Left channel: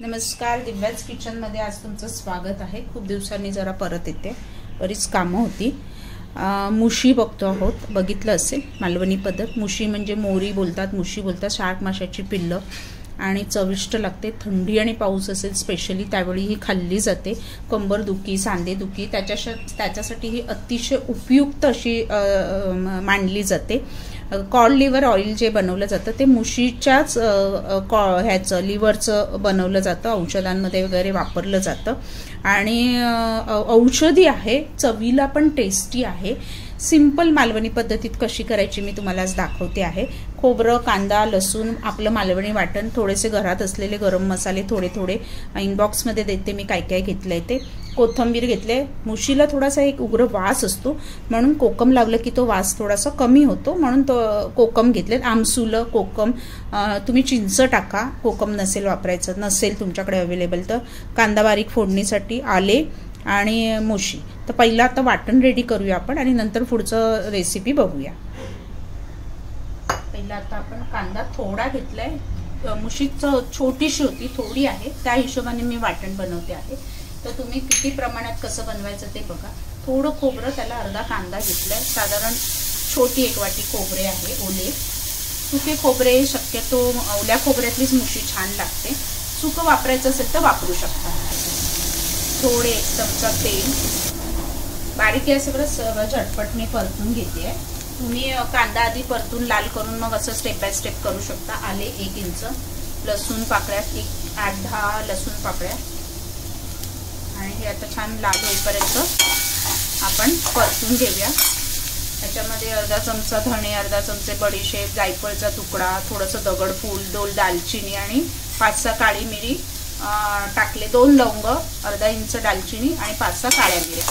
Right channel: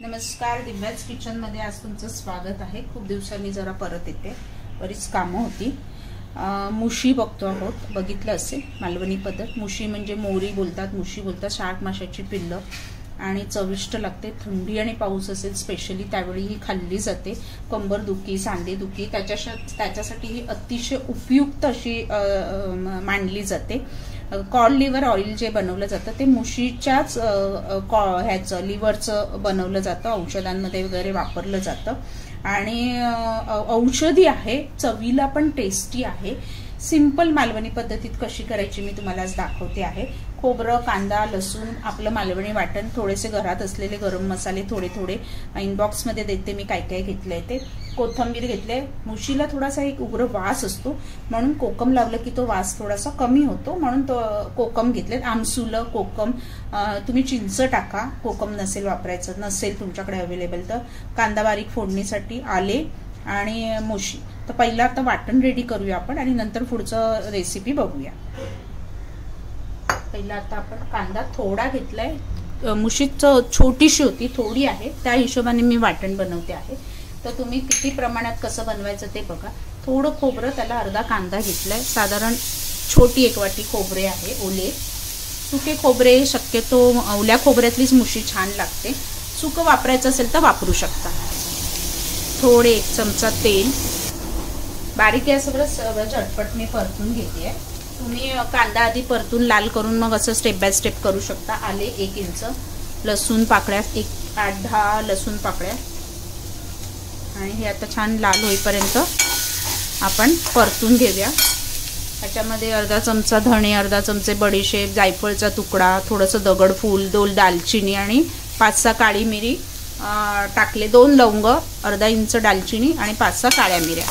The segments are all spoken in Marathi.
नमस्कार, दिव्याच किचनमध्ये आज तुमचं स्वागत आहे। खूप दिवसांनी जरा परत येते, बरीच कामं होती। मुशी बघतो आहोत, बघितलं असेल मालवणी पद्धत। मुशी म्हणजे मोरी बोलतात, मुशी बोलतात, शार्क माशाची पिल्लं आणि चविष्ट लागते। थंडी आणि पाऊस असेल स्पेशली त्यावेळी ही खाल्ली जाते। कंबर दुखी, सांधे दुखी त्याच्यासाठी ही अतिशय उपयुक्त अशी मानली जाते। कॉड लिव्हर ऑइल जे बनवलं जातं ते मुशीच्याच ह्याचं लिव्हरचं बनवलं जातं, औषधांमध्ये वगैरे वापरलं जातं आणि औषधी आहे, चवीला पण टेस्टी आहे। सिंपल मालवणी पद्धतीत कशी करायची मी तुम्हाला आज दाखवते आहे। खोबरं, कांदा, लसूण, आपलं मालवणी वाटण, थोडेसे घरात असलेले गरम मसाले थोडे इनबॉक्स मध्ये देते मी काय काय घेतलंय ते। कोथिंबीर घेतले, मुशीला थोडासा एक उग्र वास असतो म्हणून कोकम लागलं की तो वास थोडासा कमी होतो म्हणून तो कोकम घेतलेत। आमसुलं कोकम, तुम्ही चिंच टाका, कोकम नसेल वापरायचं, नसेल तुमच्याकडे अवेलेबल तर। कांदा बारीक फोडणीसाठी, आले आणि मुशी। तर पहिला आता वाटण रेडी करूया आपण आणि नंतर पुढचं रेसिपी बघूया। पहिला आता आपण कांदा थोडा घेतलाय, मुशीच छोटीशी होती, थोडी आहे, त्या हिशोबाने मी वाटण बनवते आहे। तर तुम्ही किती प्रमाणात कसं बनवायचं ते बघा। थोडं खोबरं, त्याला अर्धा कांदा घेतलाय, साधारण छोटी एक वाटी खोबरे आहे ओले। सुके खोबरे शक्यतो ओल्या खोबऱ्यातलीच मुशी छान लागते, सुकं वापरायचं असेल तर वापरू शकता। थोडे 1 चमचा तेल, बारीक आहे सगळं झटपट मी परतून घेते। तुम्ही कांदा आधी परतून लाल करून मग असं स्टेप बाय स्टेप करू शकता। आले 1 इंच, लसूण पाकळ्या 8-10 लसूण पाकळ्या आणि हे आता छान लाल होईपर्यंत आपण परतून घेऊया। त्याच्यामध्ये अर्धा चमचा धणे, अर्धा चमचे बडीशेप, जायफळचा तुकडा, थोडंसं दगडफूल, 2 दालचिनी आणि 5-6 काळी मिरी टाकले, 2 लवंग, अर्धा इंच दालचिनी आणि 5-6 काळ्या मिऱ्या।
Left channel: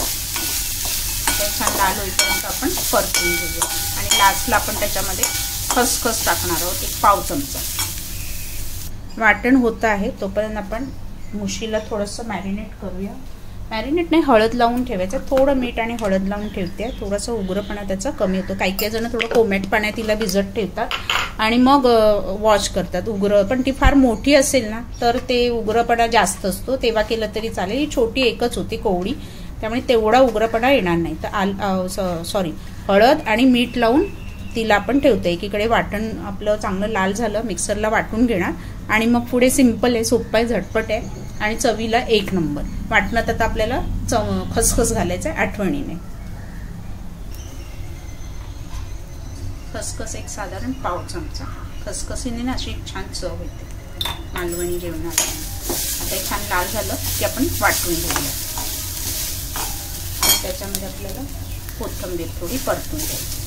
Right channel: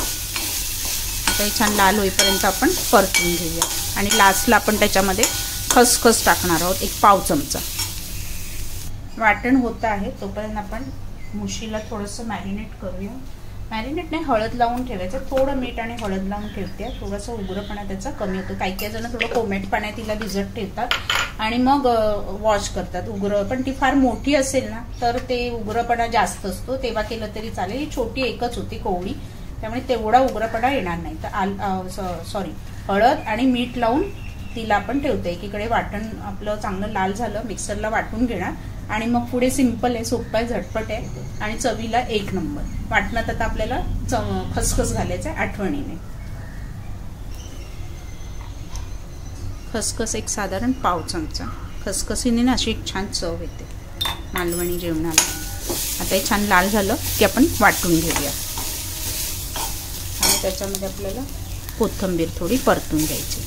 आता छान लाल होईपर्यंत आपण परतून घेऊया आणि लास्टला आपण त्याच्यामध्ये खसखस टाकणार आहोत, 1 पाव चमचा। वाटण होत आहे तोपर्यंत आपण मुशीला थोडंसं मॅरिनेट करूया। मॅरिनेट नाही, हळद लावून ठेवायचं, थोडं मीठ आणि हळद लावून ठेवते। थोडासा उग्रपणा त्याचा कमी होतो। काही जण थोडं कोमट पाण्यात तिला भिजत ठेवतात आणि मग वॉश करतात उग्र, पण ती फार मोठी असेल ना तर ते उग्रपणा जास्त असतो, तेव्हा केलं तरी चालेल। ही छोटी एकच होती कोवळी, त्यामुळे तेवढा उग्रपणा येणार नाही। तर हळद आणि मीठ लावून तिला आपण ठेवतो। एकीकडे वाटण आपलं चांगलं लाल झालं, मिक्सरला वाटून घेणार आणि मग पुढे सिंपल आहे, सोपं आहे, झटपट आहे आणि चवीला 1 नंबर। वाटणात आता आपल्याला खसखस घालायचं आहे आठवणीने। खसखस एक साधारण पाव चमचा, खसखसीने ना अशी छान चव येते मालवणी जेवणाला। आता हे छान लाल झालं की आपण वाटून घेऊया। त्याच्यामध्ये आपल्याला कोथिंबीर थोडी परतून द्यायची।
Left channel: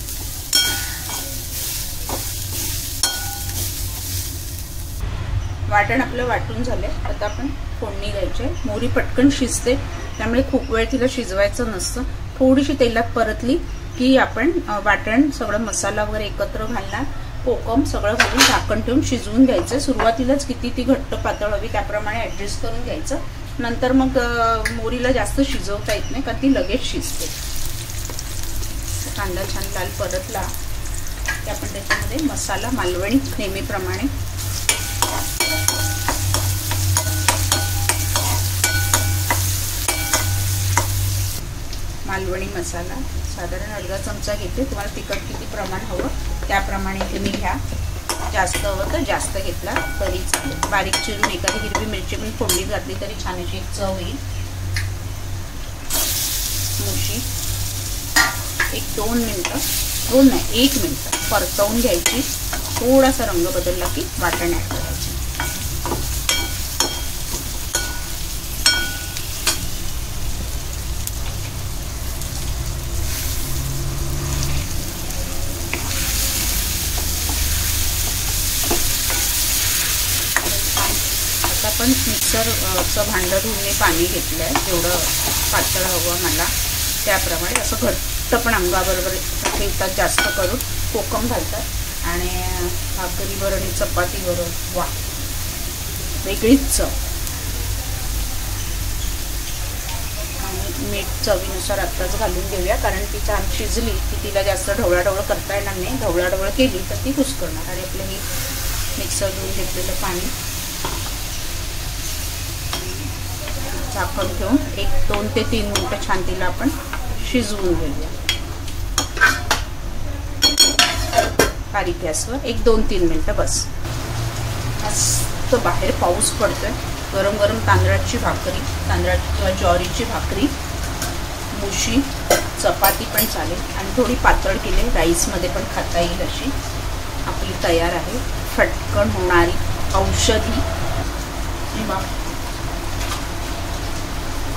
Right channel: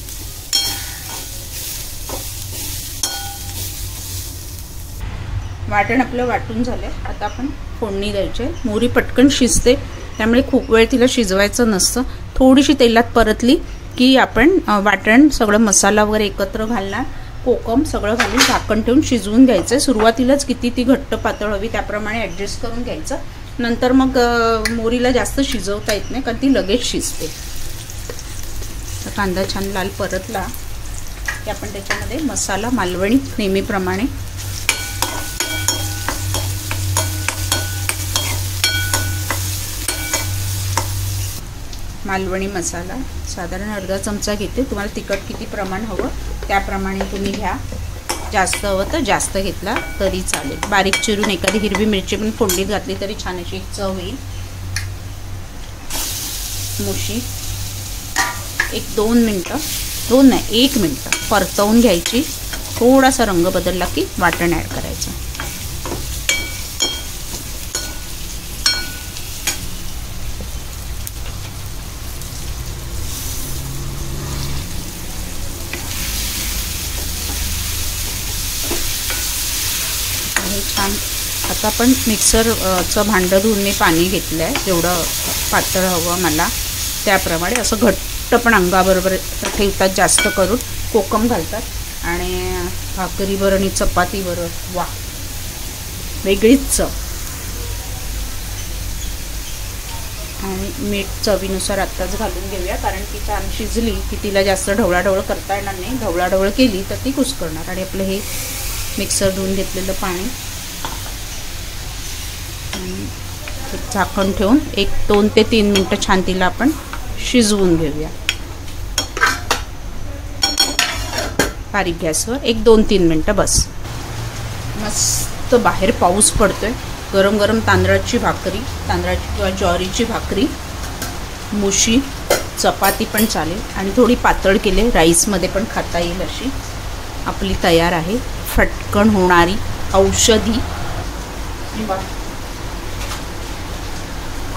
वाटण आपलं वाटून झालंय, आता आपण फोडणी द्यायची। मोहरी पटकन शिजते त्यामुळे खूप वेळ तिला शिजवायचं नसतं। थोडीशी तेलात परतली की आपण वाटण सगळं मसाला वगैरे एकत्र घालणार, कोकम सगळं घालून झाकण ठेवून शिजवून घ्यायचं। सुरुवातीलाच किती ती घट्ट पातळ हवी त्याप्रमाणे ऍडजस्ट करून घ्यायचं, नंतर मग मोहरीला जास्त शिजवता येत नाही कारण ती लगेच शिजते। कांदा छान लाल परतला की आपण त्याच्यामध्ये मसाला मालवणी नेहमीप्रमाणे मालवणी मसाला साधारण अर्धा चमचा घेते। तुम्हाला तिखट किती प्रमाण हवं त्याप्रमाणे तुम्ही घ्या, जास्त हवं तर जास्त घेतला तरी चालेल। बारीक चिरून एखादी हिरवी मिरची पण फोडणीत घातली तरी छान अशी चव येईल। मुशी 1-2 मिनिटं, 2 नाही 1 मिनिट परतवून घ्यायची। थोडासा रंग बदलला की वाटण ऍड करायचं। आता आपण मिक्सरचं भांडं धुवून मी पाणी घेतलं आहे, जेवढं पातळ हवं मला त्याप्रमाणे। असं घट्ट पण अंगाबरोबर ठेवतात जास्त करून, कोकम घालतात आणि भाकरीवर आणि चपातीवर वा वेगळीच चव। आणि मीठ चवीनुसार आत्ताच घालून घेऊया कारण ती छान शिजली की तिला जास्त ढवळाढवळ करता येणार नाही। ढवळाढवळ केली तर ती कुस्करणार। आणि आपलं हे मिक्सर धुवून घेतलेलं पाणी झाकण ठेवून 2 ते 3 मिनिटं छान तिला आपण शिजवून घेऊया. बारीक गॅसवर 1-2-3 मिनिटं बस. मस्त बाहेर पाऊस पडतोय. गरम गरम तांदळाची भाकरी, तांदळाची किंवा ज्वारीची भाकरी, मुशी, चपाती पण चालेल आणि थोडी पातळ केली राईसमध्ये पण खाता येईल अशी आपली तयार आहे. फटकन होणारी औषधी.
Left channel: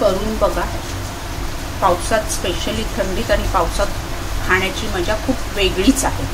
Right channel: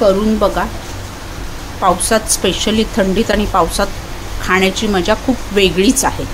करून बघा. पावसात, स्पेशली थंडीत आणि पावसात खाण्याची मजा खूप वेगळीच आहे.